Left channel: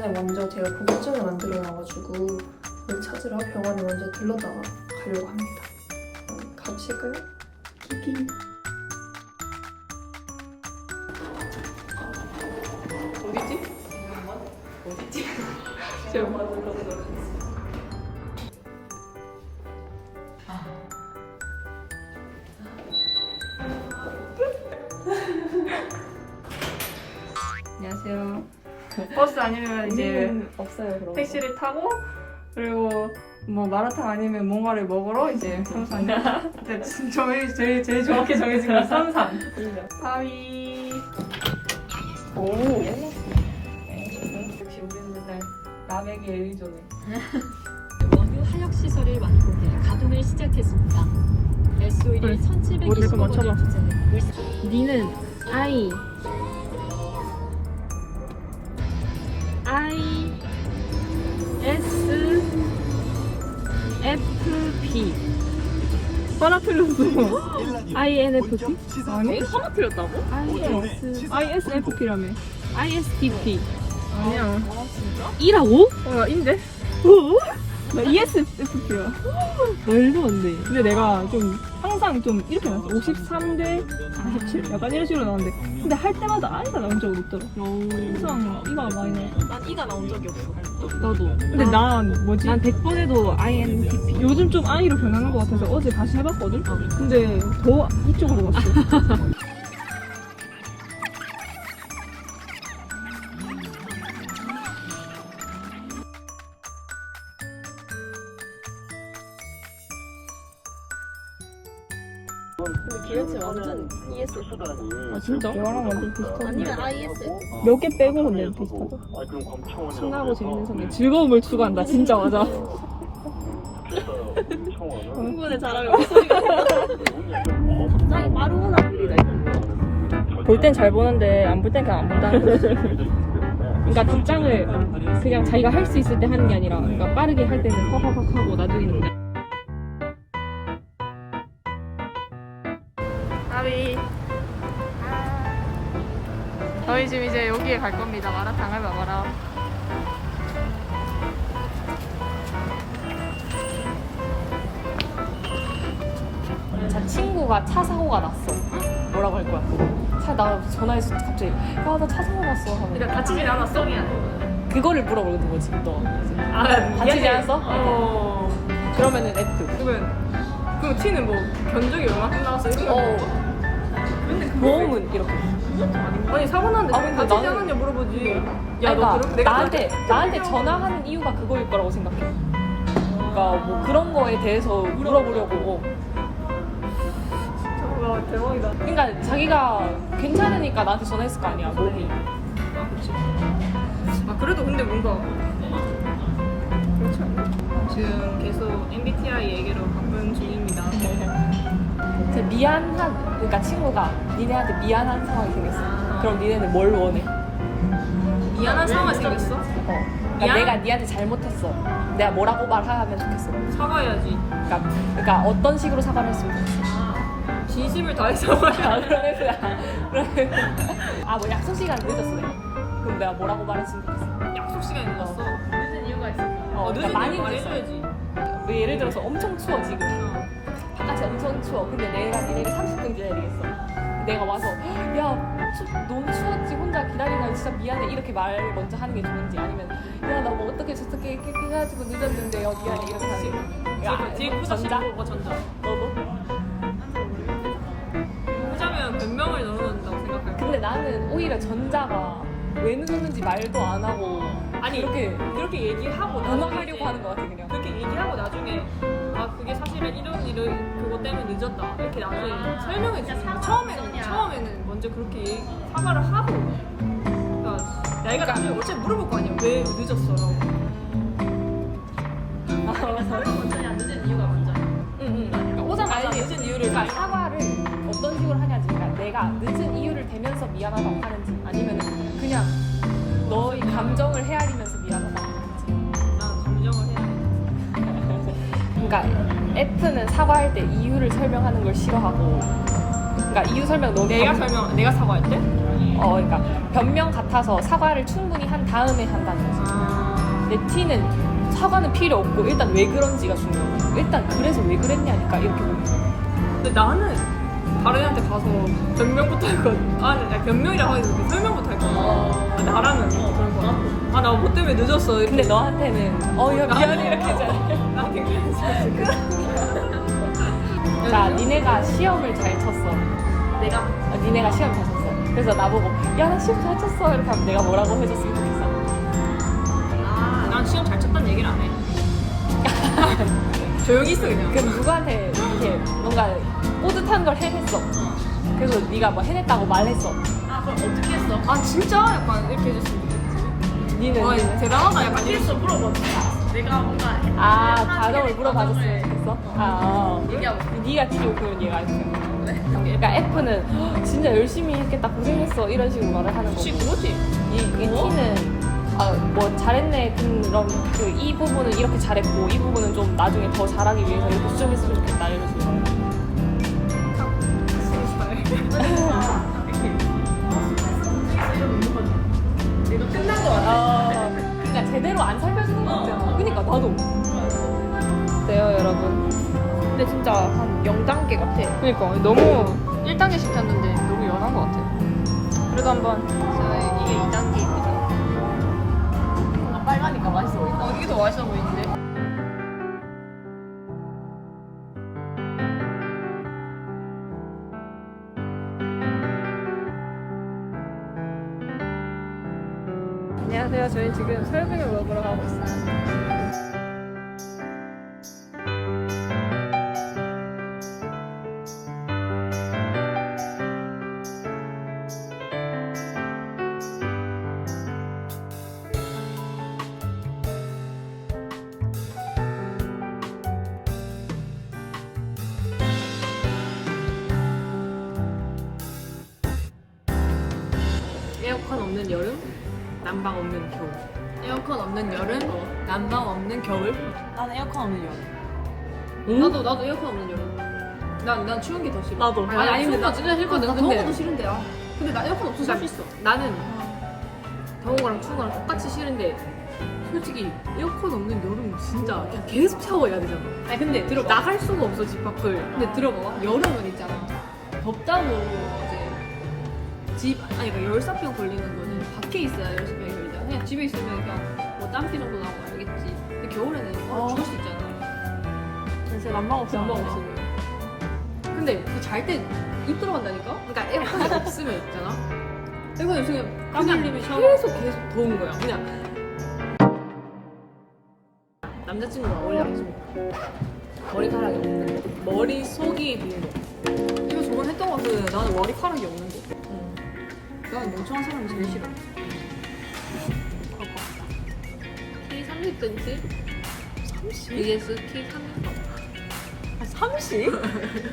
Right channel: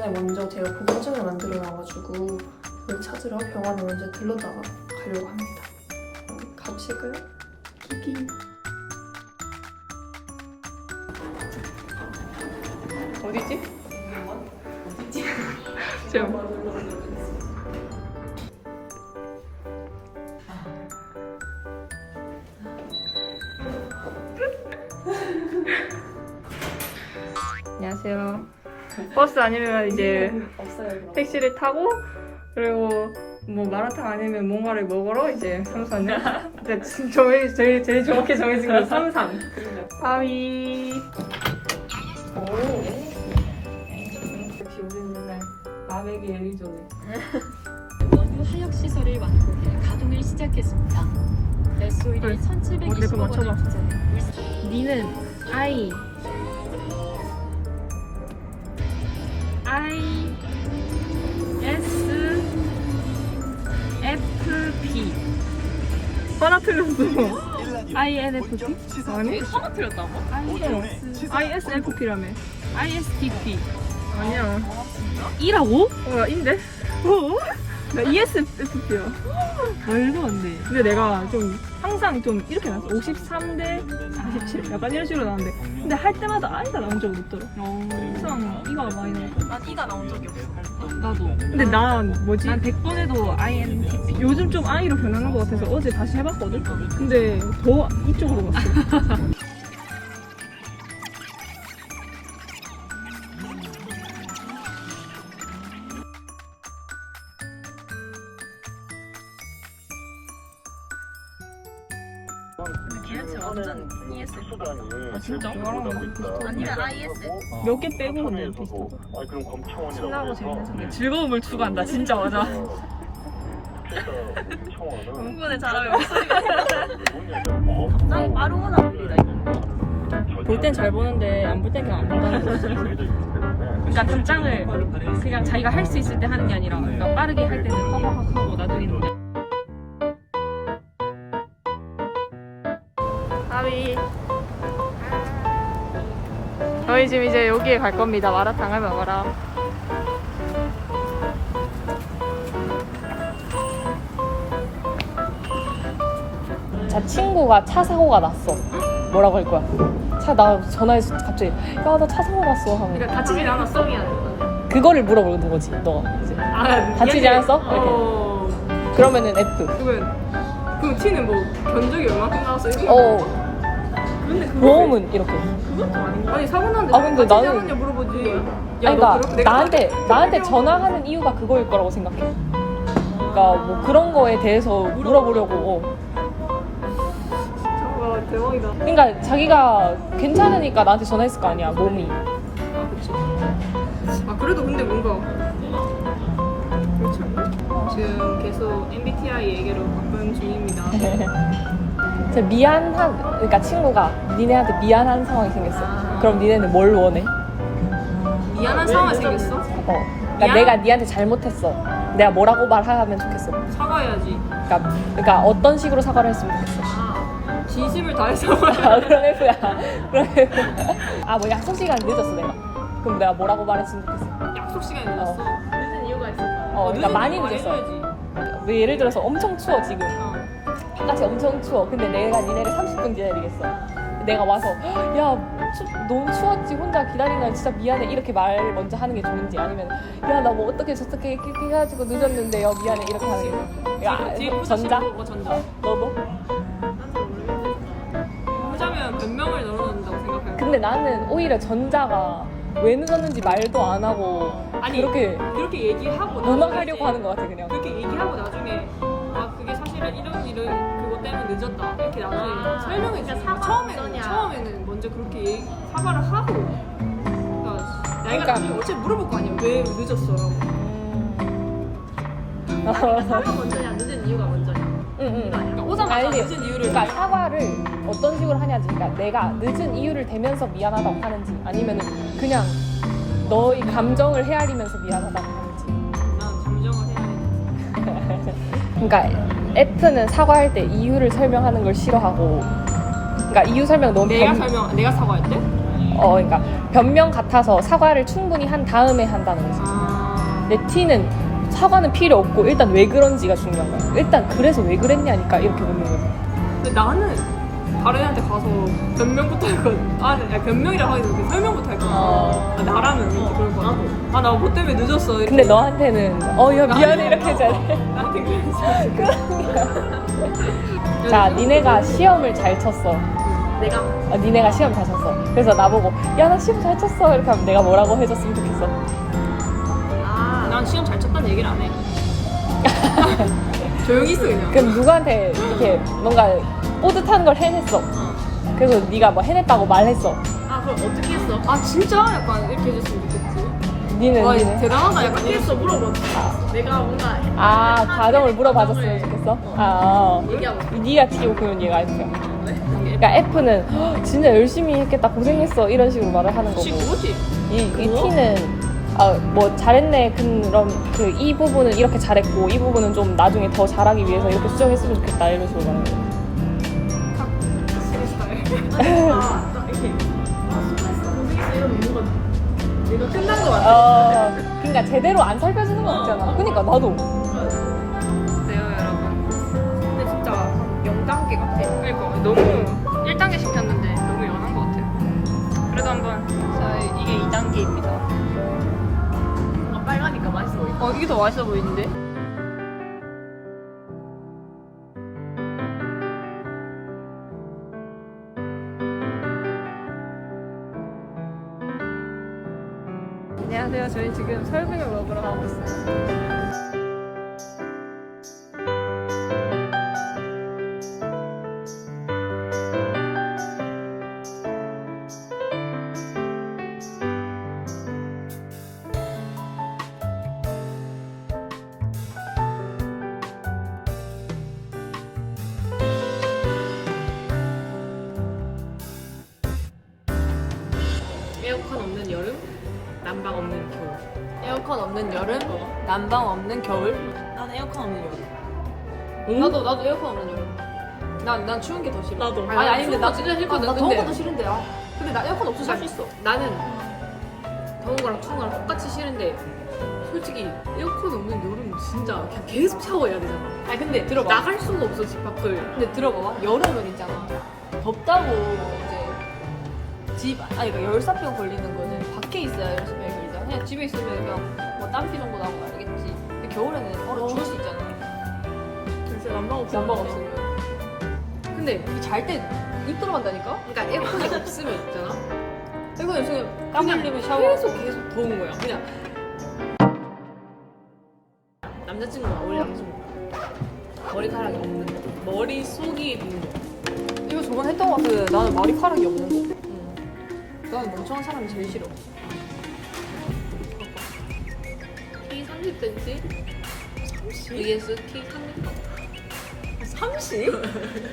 전에 먼저 제가 보고증을 만들어놔가지고 그걸 찾으러 병원에 먼저 들렀다가 가려고 합니다. 가보실까요? 기기. 어디지? 어디지? 제가 안녕하세요. 버스 아니면 이제 없어요. 택시를 타고 그리고 뭐 마라탕 아니면 뭔가를 먹으러 이제 3사는 근데 제일 정확히 정해진 건 3산 바위. 역시 우리는 맨날 남에게 예의조네. 원유 하역 시설의 완공에 가동을 시작했습니다. SO일이 1,720억 원을 투자해 니는 I S F P 하나 틀렸어. I N F P 아니? 하나 틀렸다고? ISFP라며. ISTP 아니야. E라고? 나 인데? 오? 나 ESFP야. 말도 안 돼. 근데 내가 좀 항상 좀 이렇게 나왔어. 53대 47 약간 이런 식으로 나왔는데 근데 할 때마다 I가 나온 적은 없더라. 항상 E가 많이 나와. 난 이가 나온 적이 없어. 나도. 근데 난 뭐지? 난 100번 해도 INTP. 요즘 좀 I로 변하는 것 같아서 어제 다시 해봤거든? 근데 더 이쪽으로 갔어. 근데 걔네들 완전 ESF. 아 진짜? 너랑 완전 비슷하네. 아니면 ISF. 몇 개 빼고 근데 비슷하다. 신나고 재밌는 사람. 즐거움을 추구한다. 진짜 맞아. 부분에 잘하면 목소리가 갑자기 빠르구나. 볼 땐 잘 보는데 안 볼 땐 그냥 안 본다는 거지. 그러니까 출장을 그냥 자기가 할 수 있을 때 하는 게 아니라 그러니까 빠르게 할 때는 허허허 하고 나중에는 아비. 저희 지금 이제 여기에 갈 겁니다. 마라탕을 먹으러. 제 친구가 차 사고가 났어. 뭐라고 할 거야? 나 전화해서 갑자기 야 나 차 사고 났어 하면 그러니까 다치진 않았어? 그거를 물어보는 거지 너가. 아, 다치지 않았어? 그러면은 F. 그럼 T는 뭐 견적이 얼마큼 나왔어? 보험은 이렇게. 아니 사고 났는데 아, 근데 다치지 나는- 않았냐 물어보지. 야 아니, 너 그러니까 그렇게 내가 나한테 전화하는 이유가 그거일 거라고 생각해. 그러니까 뭐 그런 거에 대해서 물어보려고. 와 대박이다. 그러니까 자기가 괜찮으니까 나한테 전화했을 거 아니야 몸이. 아 그치. 아 그래도 근데 뭔가 그렇지 않나? 지금 계속 MBTI 얘기로 바쁜 중입니다. 진짜 미안한 그러니까 친구가 니네한테 미안한 상황이 생겼어. 그럼 니네는 뭘 원해? 미안한 상황이 생겼어? 그러니까 미안? 내가 니한테 잘못했어. 내가 뭐라고 말하면 좋겠어. 사과해야지. 그러니까 어떤 식으로 사과를 했으면 좋겠어. 진심을 다해서 사과해야 아, 그런 F야. 뭐 약속 시간 늦었어 내가. 그럼 내가 뭐라고 말했으면 좋겠어. 약속 시간이 늦었어. 늦은 이유가 있을까? 늦은 그러니까 이유 말해줘야지. 왜 예를 들어서 엄청 추워 지금. 바깥이 엄청 추워. 근데 내가 니네를 30분 기다리겠어. 내가 와서 야 너무 추웠지 혼자 기다리면 진짜 미안해 이렇게 말 먼저 하는 게 좋은지 아니면 야 나 뭐 어떻게 저렇게 해가지고 늦었는데요 미안해 이렇게 하는 게 뒤에 후자 신고고 전자. 뭐? 후자면 변명을 넣어놓는다고 생각할 거야. 근데 나는 오히려 전자가 왜 늦었는지 말도 안 하고 아니 그렇게 얘기하고 나중에 무너하려고 이제 하는 것 같아 그냥. 그렇게 얘기하고 나중에 아 그게 사실은 이런 그것 때문에 늦었다 이렇게 나중에 설명해 주는 거야. 처음에는 먼저 그렇게 사과를 하고 그러니까 나이가 나중에 어차피 물어볼 거 아니야 왜 늦었어라고. 사과 먼저냐 늦은 이유가 먼저야. 응. 그러니까 오자마자 아니, 늦은 이유를 그러니까 사과를 어떤 식으로 하냐지. 그러니까 내가 늦은 이유를 대면서 미안하다고 하는지 아니면 그냥 너의 감정을 헤아리면서 미안하다고 하는지. 난 감정을 해야 돼. 그러니까 F는 사과할 때 이유를 설명하는 걸 싫어하고. 그러니까 이유 설명 너무 내가 사과할 때? 그러니까 변명 같아서 사과를 충분히 한 다음에 한다는 거지. 아. 내 티는 사과는 필요 없고 일단 왜 그런지가 중요한 거야. 일단 그래서 왜 그랬냐니까 이렇게 묻는 거야. 근데 나는 다른 애한테 가서 변명부터 할 거. 아니 변명이라고 하기도 이렇게 설명부터 할 거. 아, 나라면 이렇게 그럴 거. 아나 뭐 때문에 늦었어. 이렇게. 근데 너한테는 야 미안해 이렇게 잘해. 나한테 그랬어. 자 니네가 시험을 잘 쳤어. 내가 니네가 시험 잘 쳤어. 그래서 나보고 야 나 시험 잘 쳤어 이렇게 하면 내가 뭐라고 해줬으면 좋겠어. 난 시험 잘 쳤다는 얘기를 안 해. 조용히 있어 그냥. 그럼 누구한테 이렇게 뭔가 뿌듯한 걸 해냈어. 그래서 네가 뭐 해냈다고 말했어. 아 그럼 어떻게 했어? 아 진짜 약간 이렇게 해줬으면 좋겠지. 니는 와 대단하다 약간 이럴 수. 물어봤어. 내가 뭔가 과정을 물어봐줬으면 좋겠어. 네가 T고 그러면 얘가 F야. 그러니까 F는 진짜 열심히 했겠다 고생했어 이런 식으로 말을 하는 혹시 거고 그거지? 이 T는 뭐 잘했네 그런 이 부분은 이렇게 잘했고 이 부분은 좀 나중에 더 잘하기 위해서 이렇게 수정했으면 좋겠다 이런 식으로 말하는 거야. 내가 끝난 거 같아. 그러니까 제대로 안 살펴주는 거 있잖아. 그러니까 나도. 네요 여러분. 근데 진짜 0단계 같아. 그러니까 너무 1단계 시켰는데 너무 연한 것 같아. 그래도 한번 이게 2단계입니다. 빨가니까 맛있어 보인다. 이게 더 맛있어 보이는데? 안녕하세요. 저희 지금 설빙을 먹으러 가고 있어요. 에어컨 없는 여름, 난방 없는 겨울. 에어컨 없는 여름, 난방 없는 겨울. 나는 에어컨 없는 여름. 나도 에어컨 없는 여름. 난 추운 게 더 싫어. 나도. 아니 근데 나 진짜 싫거든. 나 더운 근데- 것도 싫은데 근데 나 에어컨 없어서 살 수 있어. 나는 더운 거랑 추운 거랑 똑같이 싫은데 솔직히 에어컨 없는 여름 진짜 그냥 계속 샤워해야 되잖아. 아니 근데 들어봐. 나갈 수가 없어 집 밖을. 근데 들어봐. 여름은 있잖아. 덥다고 이제 그 열사병 걸리는 거는 밖에 있어야 열사병 걸리잖아. 그냥 집에 있으면 그냥 뭐 땀피 정도 나고 알겠지. 근데 겨울에는 얼어 죽을 수 있잖아. 그래서 난방 없어. 난방 없으면. 근데 잘 때 입 들어간다니까? 그러니까 에어컨이 없으면 있잖아. 에어컨이 없으면 땀 흘리면 샤워. 계속 더운 거야. 그냥 남자친구가 원래 남자친구가 머리카락이 없는데 머리속이 빈 거. 이거 저번 했던 거 같은데 나는 머리카락이 없는데. 나는 멍청한 사람이 제일 싫어. T30cm? 30? 이게 T30? 30?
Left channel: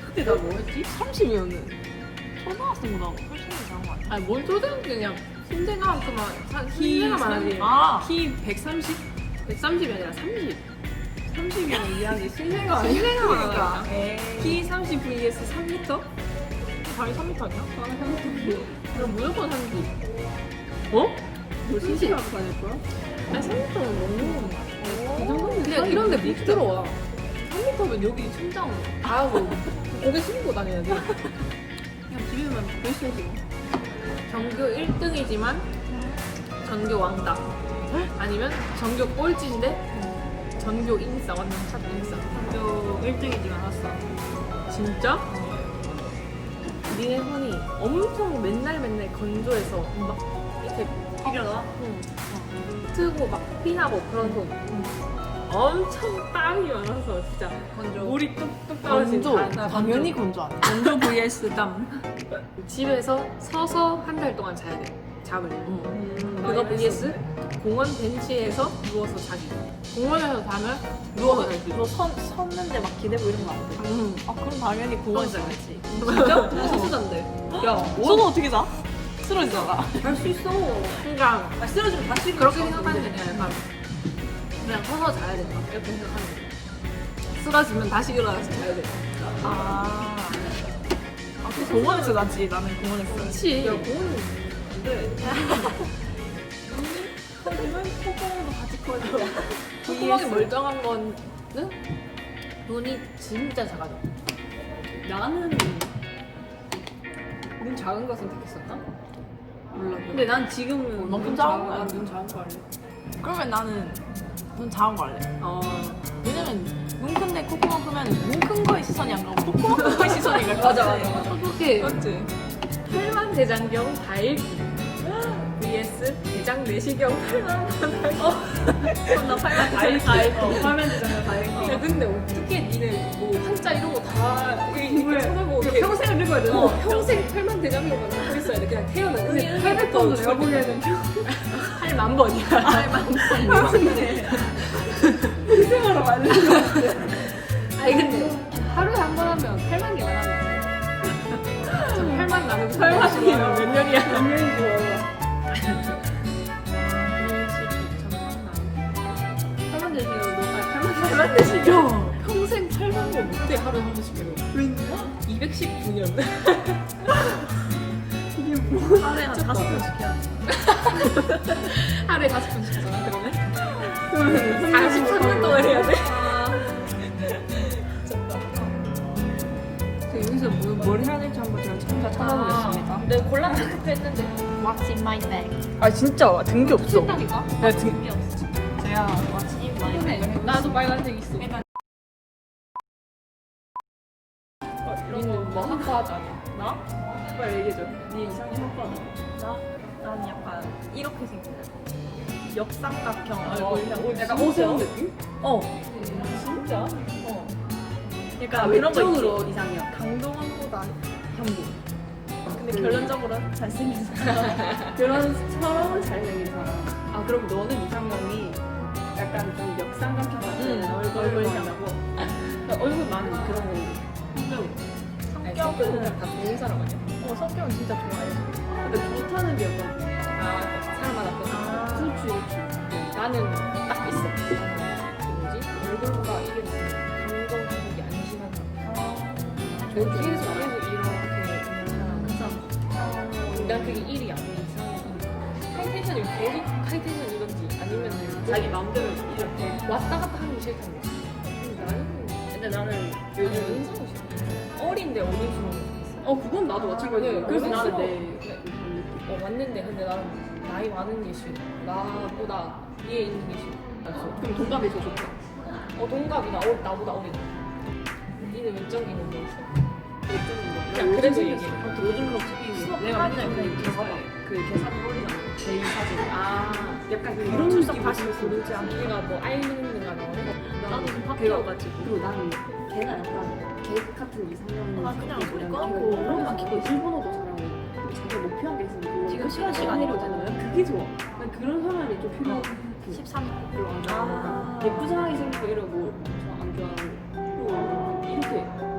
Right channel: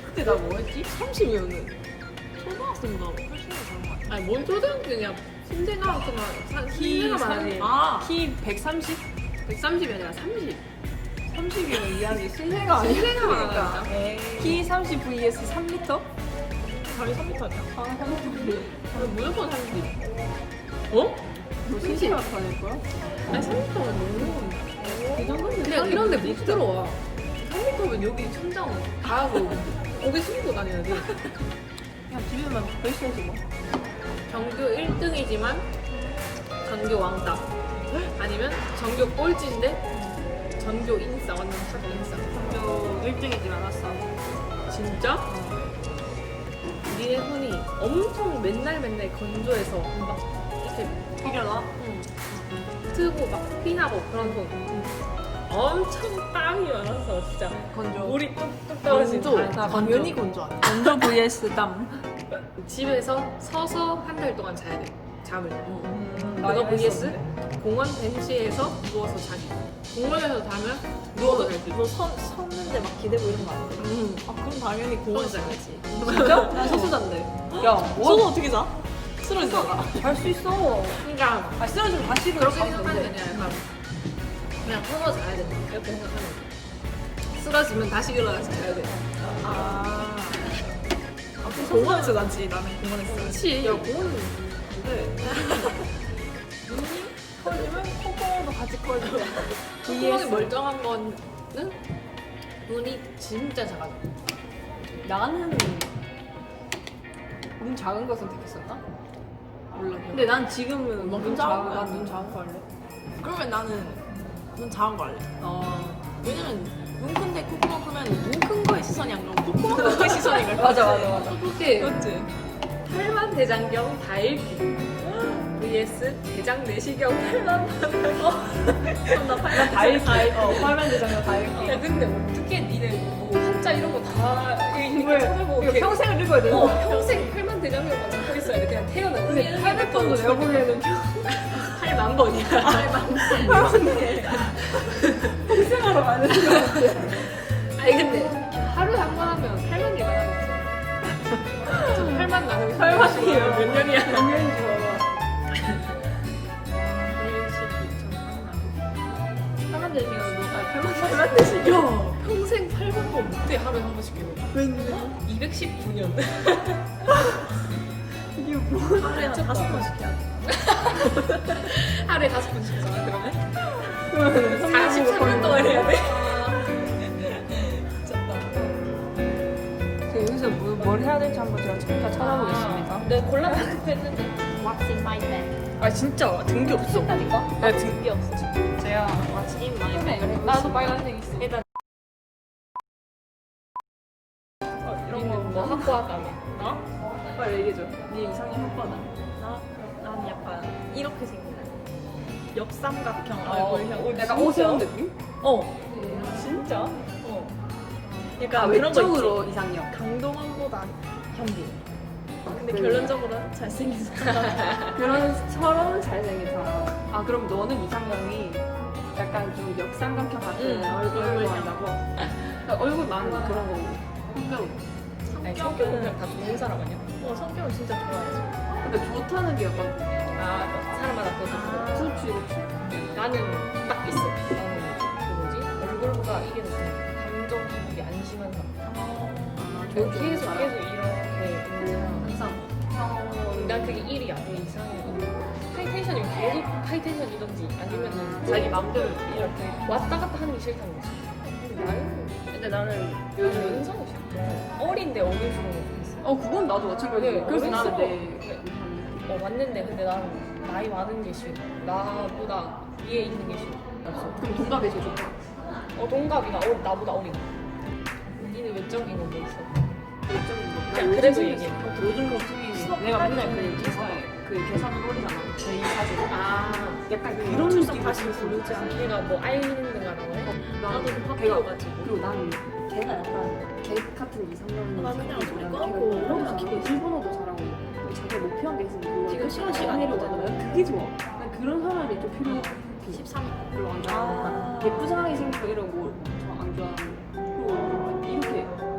그때 나 뭐 했지? 30이었는데. 초등학생보다 훨씬 더 잘한 거 같아. 아니 뭔 초등학생이야. 신생아만큼만 신생아만 하지. 키 130? 130이 아니라 30. 30이면 이해하지. 신생아 아니야? 신생아만 하니까. 키 30 vs 3m? 다리 3m 아니야? 아, 30. 그럼 무조건 30. 뭐? 너 신생아 받을 거야? 아니 30는 너무 그 정도면 근데 이런데 못 들어와. 3m면 여기 천장 닿아서 고개 숙이고 다녀야 돼. 그냥 집에만 뱃속으로. 전교 1등이지만 전교 왕따. 아니면 전교 꼴찌인데 전교 인싸. 완전 탑 인싸. 전교 1등이지 않았어. 진짜? 니네 손이 엄청 맨날 건조해서 막 이렇게 비려나? 트고 막 피나고 그런 손. 엄청 땀이 많아서 진짜 물이 뚝뚝 떨어지는 나 당연히 건조하다. 건조 vs 땀. 집에서 서서 한 달 동안 자야 돼. 잠을. 그거 vs 공원 벤치에서 누워서 자기. 공원에서 자면 누워서 잘 수 있어. 너 섰는데 막 기대고 이런 거 아니야? 아 그럼 당연히 공원 서서 자겠지. 진짜? 서서 잔대. 야, 서서 어떻게 자? 쓰러지잖아. 잘수 있어. 그러니까 아 쓰러지면 다시 그렇게 생각하는 게 아니라 약간 그냥 서서 자야 된다. 이렇게 생각하는 거야. 쓰러지면 다시 일어나서 자야 돼. 공원에서 자지 나는 공원에서. 그치. 야, 공원은 그래. 커지면 콧구멍도 같이 커져. 콧구멍이 멀쩡한 거는 눈이 진짜 작아져. 나는 눈 작은 거 선택했었나? 몰라. 근데 난 지금은 눈 작은 거, 난눈 작은 거 할래. 그러면 나는 눈 작은 거 할래. 왜냐면 눈 큰데 콧구멍 크면 눈 큰 거에 시선이 안 가고 콧구멍 큰 거에 시선이 갈 것 같아. 맞아. 그게 그렇지. 팔만 대장경 다읽기 vs 대장 내시경 팔만 화면 대장면 다 읽기. 야, 근데 어떻게 니는 뭐 한자 이런 거 다 이거 찾아보고 이거 평생을 읽어야 되는 거 평생 팔만 대장경만 갖고 있어야 돼. 그냥 태어나. 근데 800번도 내가 보기에는 8만 번이야. 평생하러 가는 거 아니 근데 하루에 한 번 하면 8만 개만 하면 8만 나는 8만이에요. 몇 년이야? 몇 년인 줄 알아. 8만 대시면 너가 8만 대시면 야 평생 8만 번 못해 하루에 한 번씩 해요. 왠지 219년. 이게 뭐 빨래는 5번 시켜. 하루에 5분씩 하잖아 그러면? 그러면 40분 동안 해야 돼? 여기서 뭘 해야 될지 한번 제가 진짜 찾아보겠습니다. 내가 골라봤는데 What's in my bag? 아 진짜 든 게 없어. 한다니까? 내가 든 그게 없어. 제가 What's in my bag? 나도 빨간색 있어. 일단 니는 뭐 학교 하자며? 나? 빨리 얘기해줘. 니 이상이 학과는? 난 약간 이렇게 생긴 역삼각형 어, 얼굴 형. 약간 오세훈 느낌? 진짜? 그러니까 아, 그런 거 있지. 외적으로 이상형. 강동원보다 한국. 근데 결론적으로 잘생긴 사람. 그런 서러운 잘생긴 사람. 아 그럼 너는 이상형이 약간 좀 역삼각형 같은 얼굴이라고? 얼굴 나는 그런 거 성격. 아니 성격은 그냥 다 좋은 사람 아니야? 성격은 진짜 좋아해. 근데 좋다는 게 약간 아 사람마다 그렇고 그렇지. 나는 딱 있어. 나는 그 뭐지? 얼굴보다 이게 감정 기복이 안 심한 사람. 계속 이렇게 있는 사람 항상. 난 그게 1이야. 내 이상이 하이텐션이면 계속 하이텐션이던지 아니면은 자기 마음대로 이렇게 왔다 갔다 하는 게 싫다는 거야. 근데 나는 요즘 연상이 싫어. 어린데 어린스러운 게 좋겠어. 그건 나도 마찬가지야. 그래서 나는 맞는데 근데 나는 나이 많은 게 싫어. 나보다 위에 있는 게 싫어. 없어. 그럼 동갑이 제일 좋다. 동갑이나 나보다 어린. 니는 몇 점 있는 데 있어? 그냥 그래도 얘기해. 모든 거 지금 내가 맨날 그 계산을 어린다. 제일 사진. 약간 그런 출석 느낌 다시 부르지 않게. 얘가 뭐 아일랜드가 나오네? 나는 학교 같이. 그리고 나는 걔가 약간 걔 같은 이상형이 그냥 소리 고 꺼놓고 그런 거 일본어도 잘하고 자기가 목표한 게 있으면 지금 시간 시간이거든. 그게 좋아. 난 그런 사람이 좀 필요해. 13년. 그래가지고 예쁘장하게 생기고 이런 거안 좋아하고 그리고 이렇게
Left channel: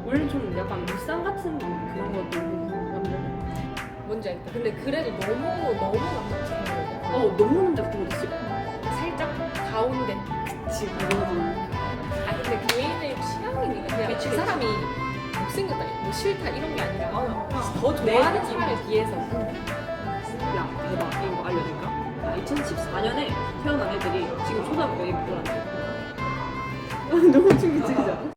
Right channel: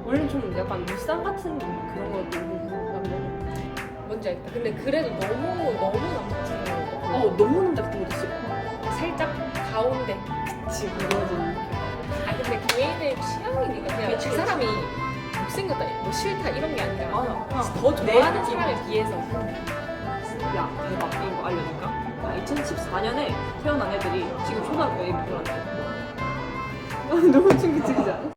원래 좀 약간 물상 같은 그런 것도 뭔지 알겠다. 근데 그래도 너무 남자친구. 너무 남자 같은 거 있어. 살짝 가운데. 그치 그거는 근데 개인의 취향이니까 그냥 그 사람이 못생겼다, 뭐 싫다 이런 게 아니라 더 좋아하는 사람에 비해서. 야 대박 이거 알려줄까? 2014년에 태어난 애들이 지금 초등학교에 입학하는데 너무 친구들이잖아.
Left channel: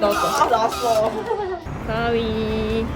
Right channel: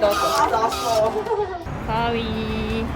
나왔다. 나왔어. 가위.